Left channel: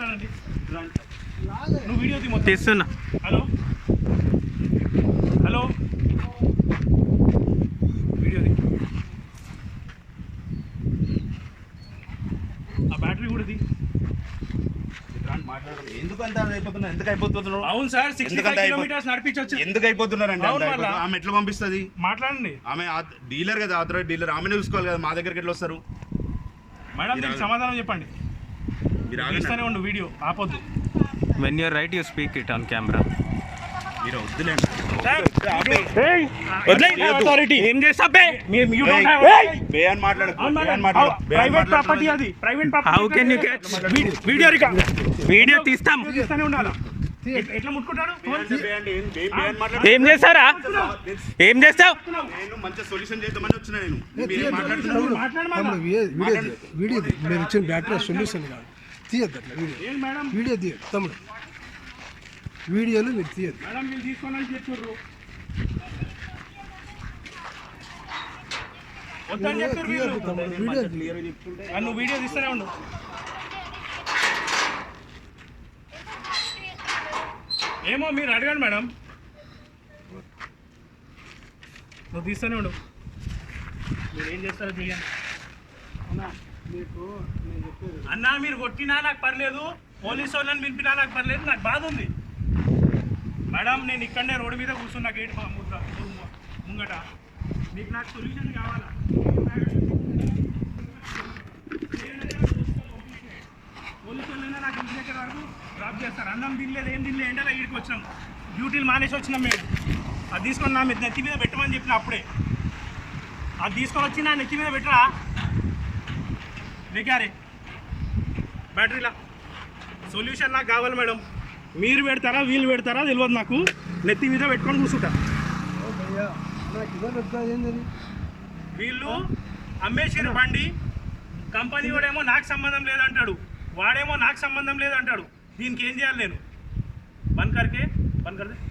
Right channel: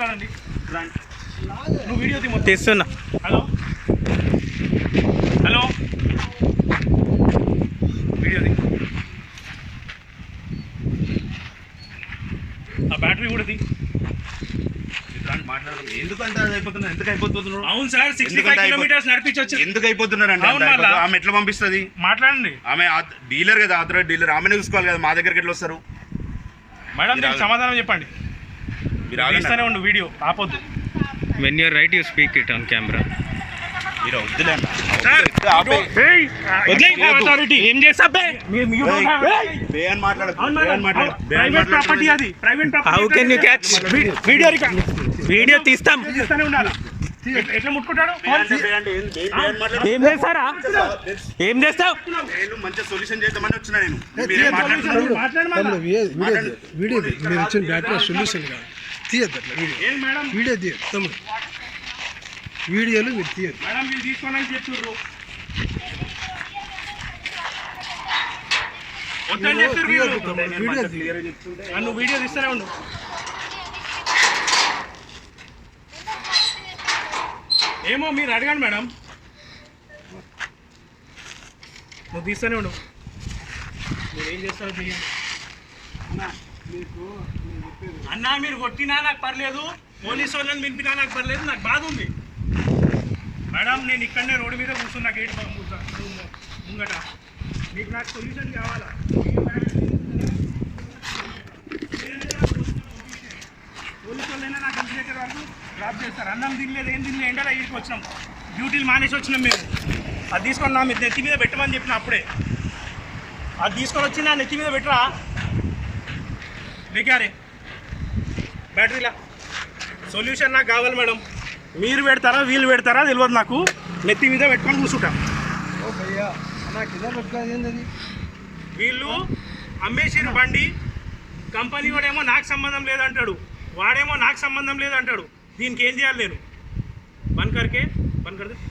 మాట్లాడండి. నువ్వు వీడియో తీస్తున్నా. హలో హలో వీడియో ఆ బ్యాటరీ కూడా అవును సార్ 65 కిలోమీటర్స్ నడిపించవచ్చు. ఎందుకు అయిపోతున్నారు అంటే ఆమె ఎట్లా పంపిస్తుంది? మాట్లాడండి. ఆమె డీలర్ కదా, ఆథరైజ్ డీలర్, ఆమెనే చూసుకోవాలి కదా. మా దగ్గరికి ఎట్లా వస్తారు మేడం? మీరు సమాధానం చెప్పండి. మీరు ఆగిస్తూనే ఉండు, video ఆపొద్దు. When you are right, you speak it on camera. మీరు వద్దులేండి. ఏం చేస్తా How can you catch? Video తీస్తాం. ఎట్లా ముట్టుకుంటాడు? ఏం చేస్తారా? ఏం చేస్తావు? మంచి సొల్యూషన్ చేద్దామని వచ్చినా నేను. వీడియో మీరు ఇచ్చిన బ్యాటరీ సొల్యూషన్ కాదు, తీయద్దు అట్లా. వీడియో తీయద్దు తమ్ముడు, వీడియోలు మీరు తీయద్దు. మేడం మీరు తీసుకోండి చెప్తుర్రు. నువ్వు వీడియో తీస్తూనే ఉండు. ఏమో మీరు అడగండి మేడం. నువ్వు తీస్తూనే ఉండు. మీరు ఏం చేస్తారో చెయ్యండి. అన్నా మీరు కొట్టినా నాకు పర్లేదు, పోలీసు వాళ్ళని వినిపినా నాకు పర్లేదు, నాకు బాధ ఉంది మేడం. నేను ఇక్కడనే రోడ్డు మీద కూర్చున్నా, గేట్ ముంగట. మీకు నాకు సొల్యూషన్ కావాలా? పోలీసు వాళ్ళైనా నాకు ఇంటి దగ్గర వరకు డ్రాప్ చేస్తారు. అన్నం తినలేదు, ఏం తినలేదు, ఎండలో ఇంటికి వచ్చినాం, డ్యూటీలు మానేసి వచ్చినాం. మీరు అది తీసుకొని నా నెత్తి మీద పెట్టమని చెప్పిన అప్పుడే. అది తీసుకొని వచ్చి నా నెత్తి మీద పెట్టరా బేకారే. బ్యాటరీలా సొల్యూషన్ నాకు కావాలి మేడం. మీరు పెడతారా వీళ్ళు పెడతారా తెలియదు నాకు. నెత్తి మీద పెట్టుకొని కూర్చుంటా. వీళ్ళు అమ్మేసిరు బండి, కంపెనీ వాడేమో నాకు సంబంధం లేదంటాడు, వాడేమో నాకు సంబంధం లేదంటాడు. దీనికి ఏం చేయాలి నేను? బంద్ కర్కే